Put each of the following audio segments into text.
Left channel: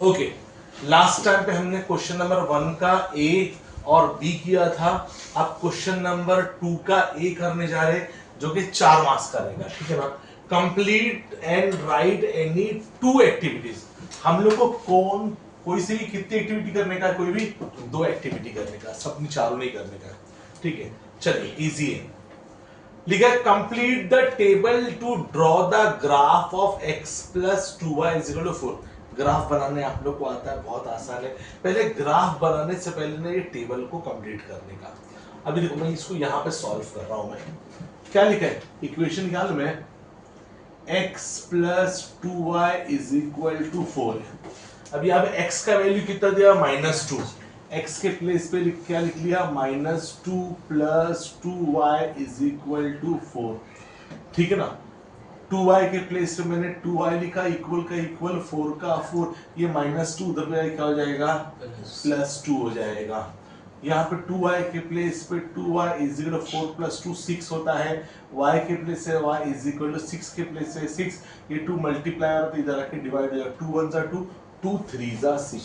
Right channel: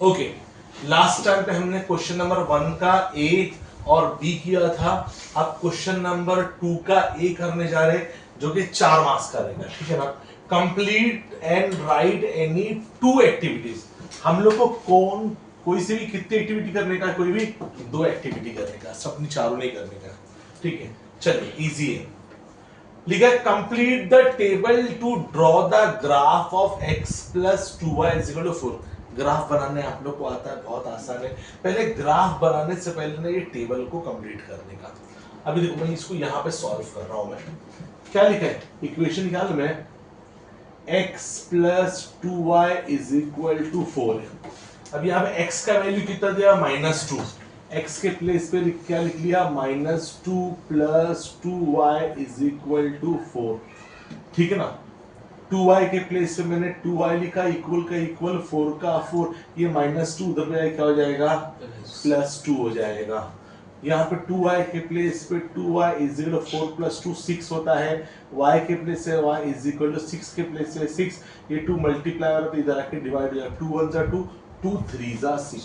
Okay, last time पे हमने question number 1 का ए और बी किया था। अब क्वेश्चन नंबर 2 का ए करने जा रहे जो कि 4 मार्क्स का रहेगा, ठीक है ना। Complete and right any 2 activities. हम लोग को कोई से भी कितनी एक्टिविटी करने का है? कोई भी 2 एक्टिविटी करने का, सबनी चारों नहीं करने का, ठीक है। चलिए, इजी है। लिखा है complete the table to draw the graph of x plus 2y is equal to 4। Graph बनाने आप लोग को आता है, बहुत आसान है। पहले ग्राफ बनाने से पहले ना ये टेबल को कंप्लीट करने का। अभी देखो, मैं इसको यहां पे सॉल्व कर रहा हूं। मैं क्या लिखा है इक्वेशन, क्या में x plus 2y is equal to 4 है। अब यहाँ पे x का वैल्यू कितना दिया? -2। x के प्लेस पे क्या लिख लिया? -2 plus 2y is equal to 4, ठीक है ना। 2y के प्लेस पे मैंने 2y लिखा, इक्वल का इक्वल, 4 का 4, ये -2 उधर पे क्या हो जाएगा? +2 हो जाएगा। यहाँ पे 2y के प्लेस पे 2y इज इक्वल 4 + 2 6 होता है। y के प्लेस से y इज इक्वल टू 6 के प्लेस से 6, ये 2 मल्टीप्लाई हो रहा है तो इधर आके डिवाइड हो जाएगा। 2 1 जा 2, 2 3 जा 6,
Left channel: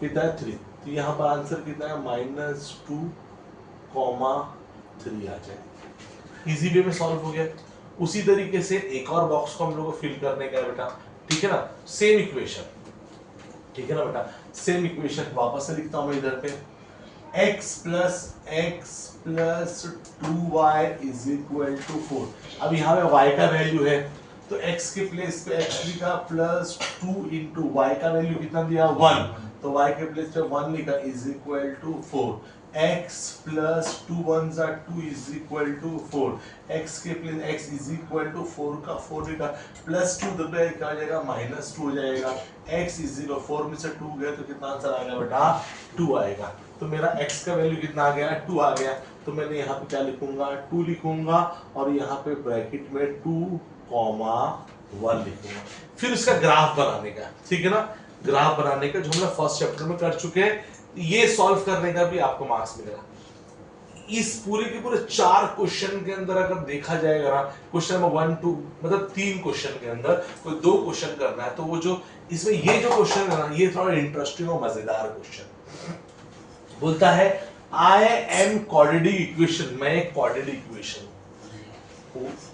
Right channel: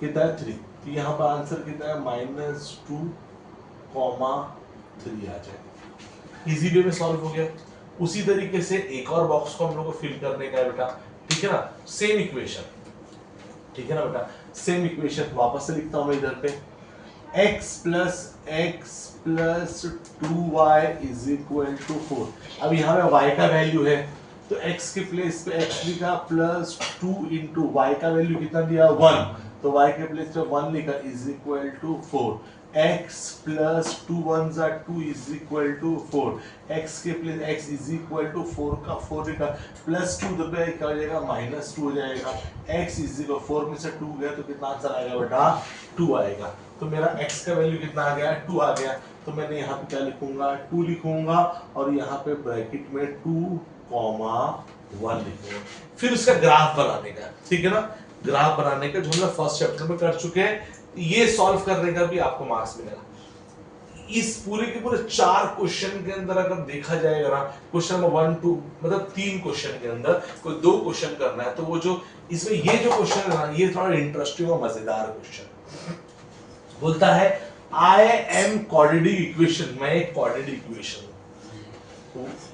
कितना है? 3। तो यहाँ पर आंसर कितना है? -2, 3 आ जाए। इजी वे में सॉल्व हो गया। उसी तरीके से एक और बॉक्स को हम लोग को फिल करने का है बेटा, ठीक है ना। सेम इक्वेशन, ठीक है ना बेटा। सेम इक्वेशन वापस से लिखता हूं मैं इधर पे, x plus 2y is equal to 4। अब यहाँ पे y का वैल्यू है तो x के प्लेस पे x लिखा, प्लस 2 इंटू y का वैल्यू कितना दिया? 1, तो y के प्लेस पे 1 लिखा is equal to 4। x plus 2 1 जा 2 इज इक्वल टू 4। x के place x is equal to 4 का 4 लिखा, प्लस 2 दबे क्या हो जाएगा? -2 हो जाएगा। x इज इक्वल 4 में से 2 गया तो कितना आंसर आएगा बेटा? 2 आएगा। तो मेरा x का वैल्यू कितना आ गया? 2 आ गया। तो मैंने यहाँ पे क्या लिखूंगा? 2 लिखूंगा और यहाँ पे ब्रैकेट में 2, 1 लिखूंगा। फिर उसका ग्राफ बनाने का, ठीक है ना। ग्राफ बनाने का जो हम लोग फर्स्ट चैप्टर में कर चुके हैं, ये सॉल्व करने का भी आपको मार्क्स मिलेगा। इस पूरे के पूरे 4 क्वेश्चन के अंदर अगर देखा जाएगा ना, क्वेश्चन नंबर 1 2 मतलब 3 क्वेश्चन के अंदर कोई 2 क्वेश्चन करना है, तो वो जो इसमें ये जो क्वेश्चन है ना, ये थोड़ा इंटरेस्टिंग और मजेदार क्वेश्चन बोलता है आई एम क्वाड्रेटिक इक्वेशन। मैं एक quadratic equation,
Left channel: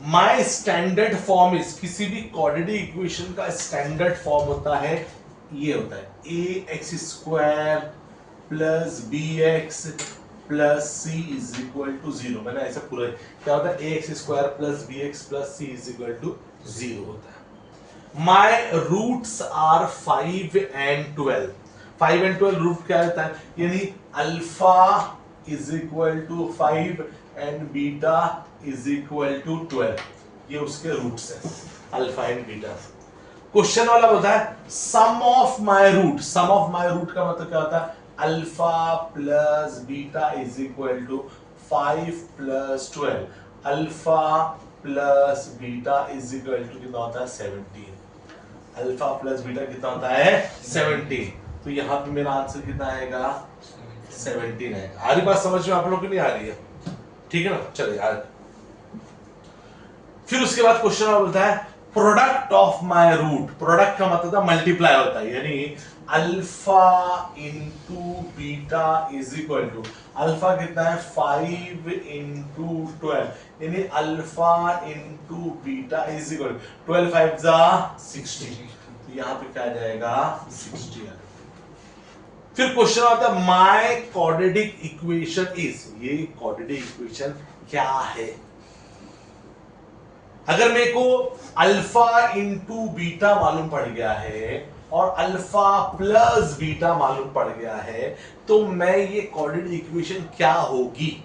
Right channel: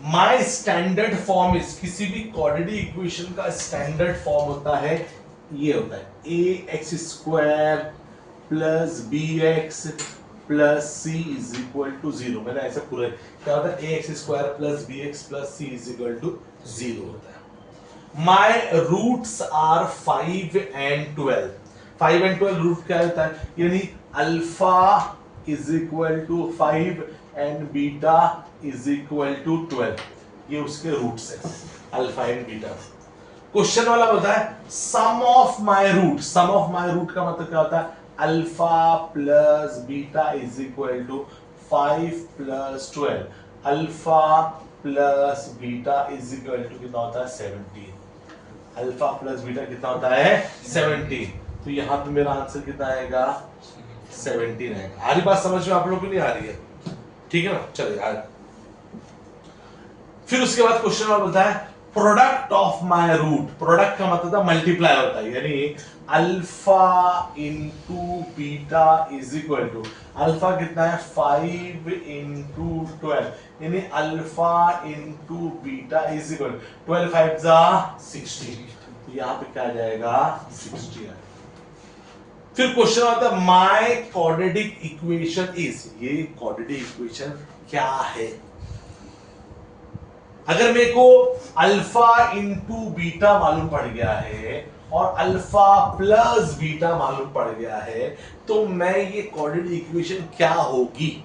my standard form is, किसी भी क्वाड्रेटिक इक्वेशन का स्टैंडर्ड फॉर्म होता है, ये होता है ax² plus bx plus c is equal to 0। मैंने ऐसा पूरा क्या होता है? ax² plus bx plus c is equal to 0 होता है। My roots are 5 and 12। 5 and 12 root क्या होता है? यानी alpha is equal to 5 and beta is equal to 12, ये उसके रूट्स है, अल्फा एंड बीटा। क्वेश्चन वाला होता है sum of my root. Sum of my root का मतलब क्या होता है? Alpha plus beta is equal to 5 plus 12, alpha plus beta is equal to कितना होता है? 17। अल्फा प्लस बीटा कितना होता है? 17। तो यहाँ पे मेरा आंसर कितना आएगा? 17 आएगा। आ रही बात समझ में आप लोग की? नहीं आ रही है? ठीक है ना। चलिए आगे। फिर उसके बाद क्वेश्चन बोलता है product of my root. Product का मतलब था मल्टीप्लाई होता है, यानी alpha into beta is equal to, alpha कितना है? 5 इंटू 12, यानी alpha into beta is equal 12 5 जा 60। तो यहाँ पे क्या आ जाएगा? 60 आ। फिर क्वेश्चन आता है माय क्वाड्रेटिक इक्वेशन इज। ये क्वाड्रेटिक इक्वेशन क्या है? अगर मेरे को अल्फा इंटू बीटा मालूम पड़ गया है और अल्फा प्लस बीटा मालूम पड़ गया है, तो मैं ये क्वाड्रेटिक इक्वेशन क्या होगी,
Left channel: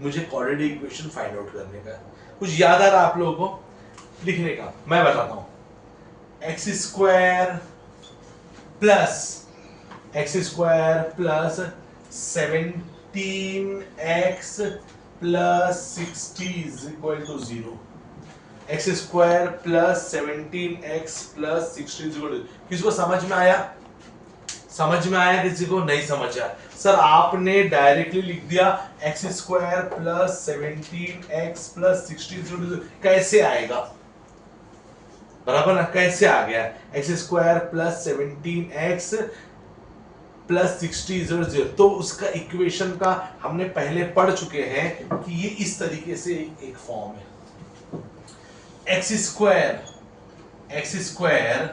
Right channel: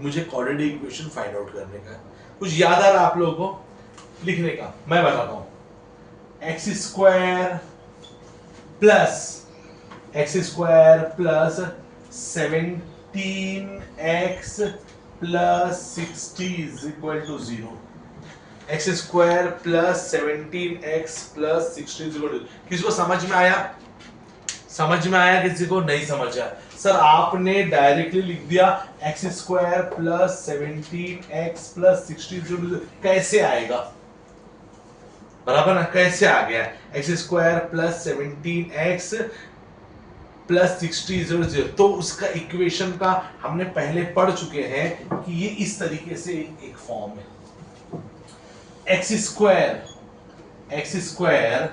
मुझे क्वाड्रेटिक इक्वेशन फाइंड आउट करने का। कुछ याद आ रहा आप लोगों को लिखने का? मैं बताता हूं, x² plus 17x plus 60 is equal to 0। x² plus 17x plus 60। किसी को समझ में आया? समझ में आया? किसी को नहीं समझ आया? सर आपने डायरेक्टली लिख दिया x² प्लस 17x प्लस 60, कैसे आएगा? बराबर ना, कैसे आ गया, x square plus 17x plus 60 0 तो उसका इक्वेशन का हमने पहले पढ़ चुके हैं कि ये इस तरीके से एक फॉर्म है, एक्स स्क्वायर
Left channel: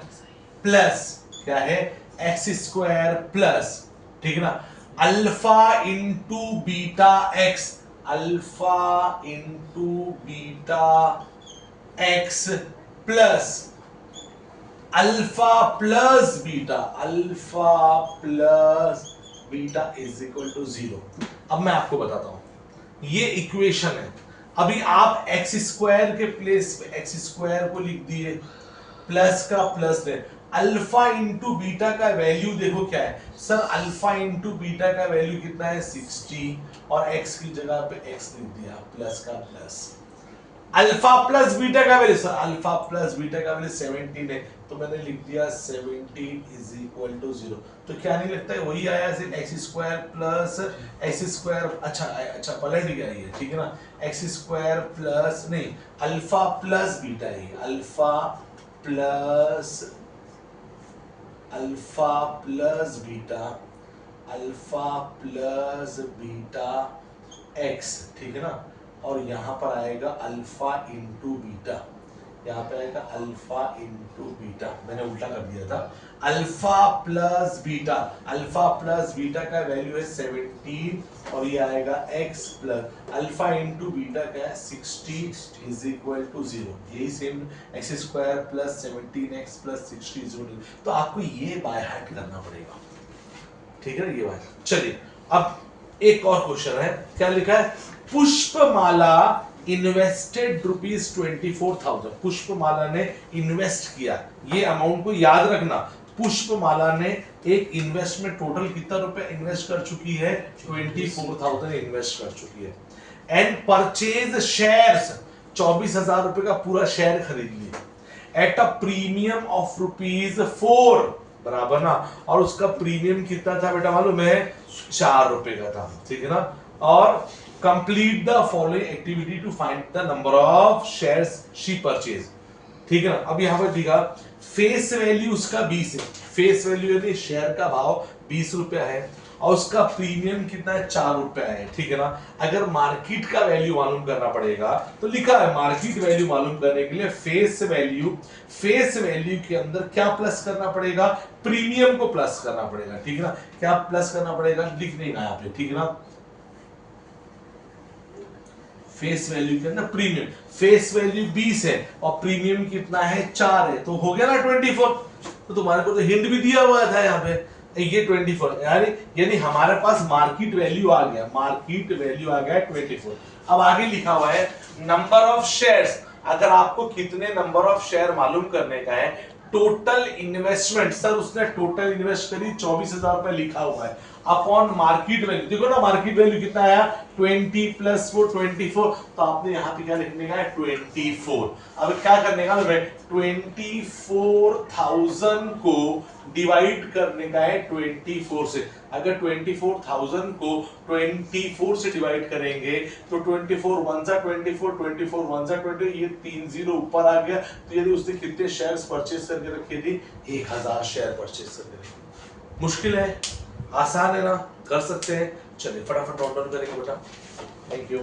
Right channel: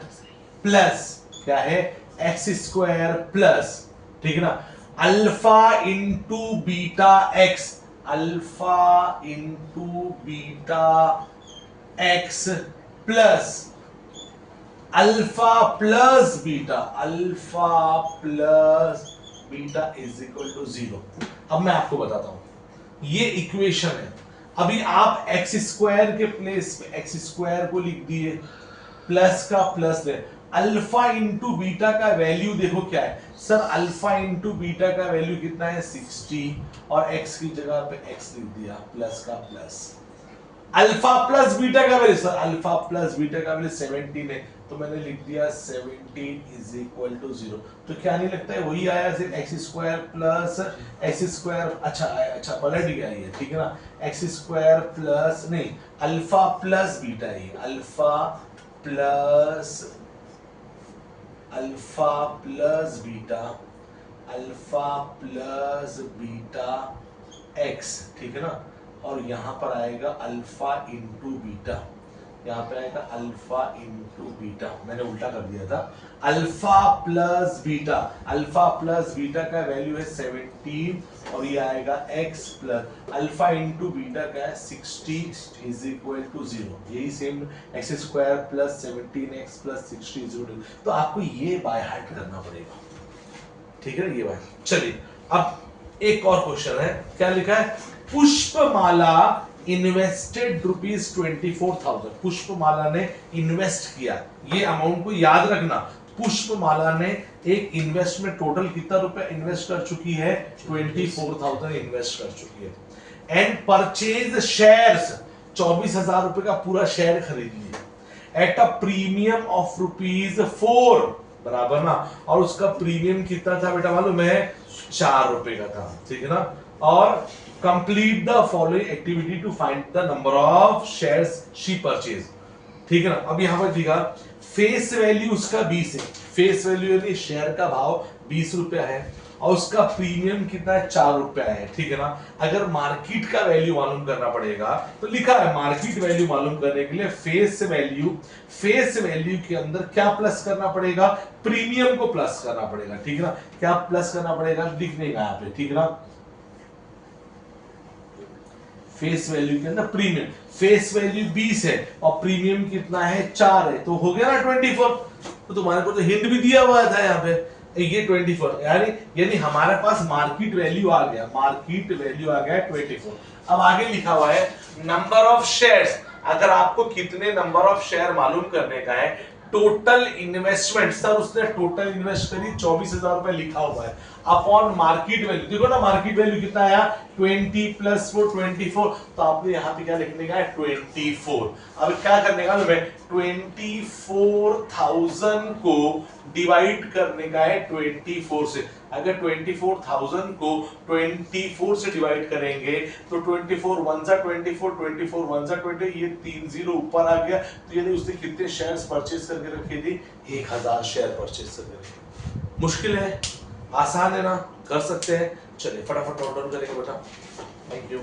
प्लस क्या है, एक्स स्क्वायर प्लस, ठीक है ना, alpha into beta x, alpha into beta x plus alpha plus beta, alpha plus beta is equal to 0। अब मैं आपको बताता हूं, ये इक्वेशन है। अभी आप एक्स स्क्वायर के प्लेस पे एक्स स्क्वायर को लिख दिए, प्लस का प्लस दे, अल्फा इंटू बीटा का वैल्यू देखो क्या है सर, अल्फा इंटू बीटा का वैल्यू कितना है 60 और एक्स की जगह पे एक्स लिख दिया, प्लस का प्लस, अल्फा प्लस बीटा का value sir, alpha plus beta का वैल्यू 17 है तो मैंने लिख दिया 17 इज इक्वल टू 0। तो क्या नहीं लगता है वही आया, सिर्फ x square plus x square, अच्छा पलट गया ये, ठीक है ना, एक्स स्क्वायर प्लस नहीं, अल्फा प्लस बीटा है, alpha plus beta, alpha plus beta x, ठीक है ना, और यहां पर आएगा अल्फा इंटू बीटा, यहाँ पे आएगा अल्फा इंटू बीटा, मैंने उल्टा कर दिया था, अल्फा प्लस बीटा का वैल्यू है 17 और ये आएगा x plus alpha into beta का है 60 इज इक्वल टू 0, यही same x square plus 17x plus 60 is equal to, तो आपको ये बाय हार्ट करना पड़ेगा, ठीक है ये बात। चलिए अब एक और क्वेश्चन है, क्या लिखा है, पुष्पमाला इन्वेस्टेड ₹24,000, पुष्पमाला ने इन्वेस्ट किया, ये अमाउंट को याद रखना, पुष्पमाला ने एक इन्वेस्टमेंट टोटल कितना रुपए इन्वेस्ट कर चुकी है, 24,000 इन्वेस्ट कर चुकी है, एंड परचेज शेयर्स, 24,000 रुपए का पूरा शेयर खरीद लिया, एट अ प्रीमियम ऑफ ₹4, बराबर ना, और उसका प्रीमियम कितना था बेटा मालूम है, 4 रुपए का था, ठीक है ना, और complete the following activity to find the number of shares she purchased, ठीक है ना। अब यहां पर दिखा फेस वैल्यू उसका 20 है, फेस वैल्यू यानी शेयर का भाव 20 रुपया है और उसका प्रीमियम कितना है, 4 रुपया है, ठीक है ना। अगर मार्केट का वैल्यू मालूम करना पड़ेगा तो लिखा है मार्केट वैल्यू मालूम करने के लिए फेस वैल्यू के अंदर क्या प्लस करना पड़ेगा, प्रीमियम को प्लस करना पड़ेगा, ठीक है ना। क्या प्लस करना पड़ेगा लिख नहीं रहा पे, ठीक है ना, फेस वैल्यू के अंदर प्रीमियम, फेस वैल्यू 20 है और प्रीमियम कितना है 4 है, तो हो गया ना 24। तो तुम्हारे को तो हिंट भी दिया हुआ था यहाँ पे, ये 24 यानी हमारे पास मार्केट वैल्यू आ गया, 24। अब आगे लिखा हुआ है नंबर ऑफ शेयर्स, अगर आपको कितने नंबर ऑफ शेयर मालूम करने का है, टोटल इन्वेस्टमेंट, सर उसने टोटल इन्वेस्ट करी 24,000 रुपए लिखा हुआ है, अपॉन मार्केट वैल्यू, देखो ना मार्केट वैल्यू कितना आया 20 प्लस 4 24, तो आपने यहाँ पे क्या लिखने का है 24। अब क्या करने का है, 24,000 को डिवाइड करने का है 24 से, अगर 24,000 को 24 से डिवाइड करेंगे तो 24 1 सा 24, 24 1 सा 20, ये 3 0 ऊपर आ गया, तो यदि उसने कितने शेयर्स परचेज करके रखे थे, 1000 शेयर परचेज करके रखे। मुश्किल है, आसान है ना, कर सकते हैं, चलिए फटाफट नोट डाउन करेंगे बेटा, थैंक यू।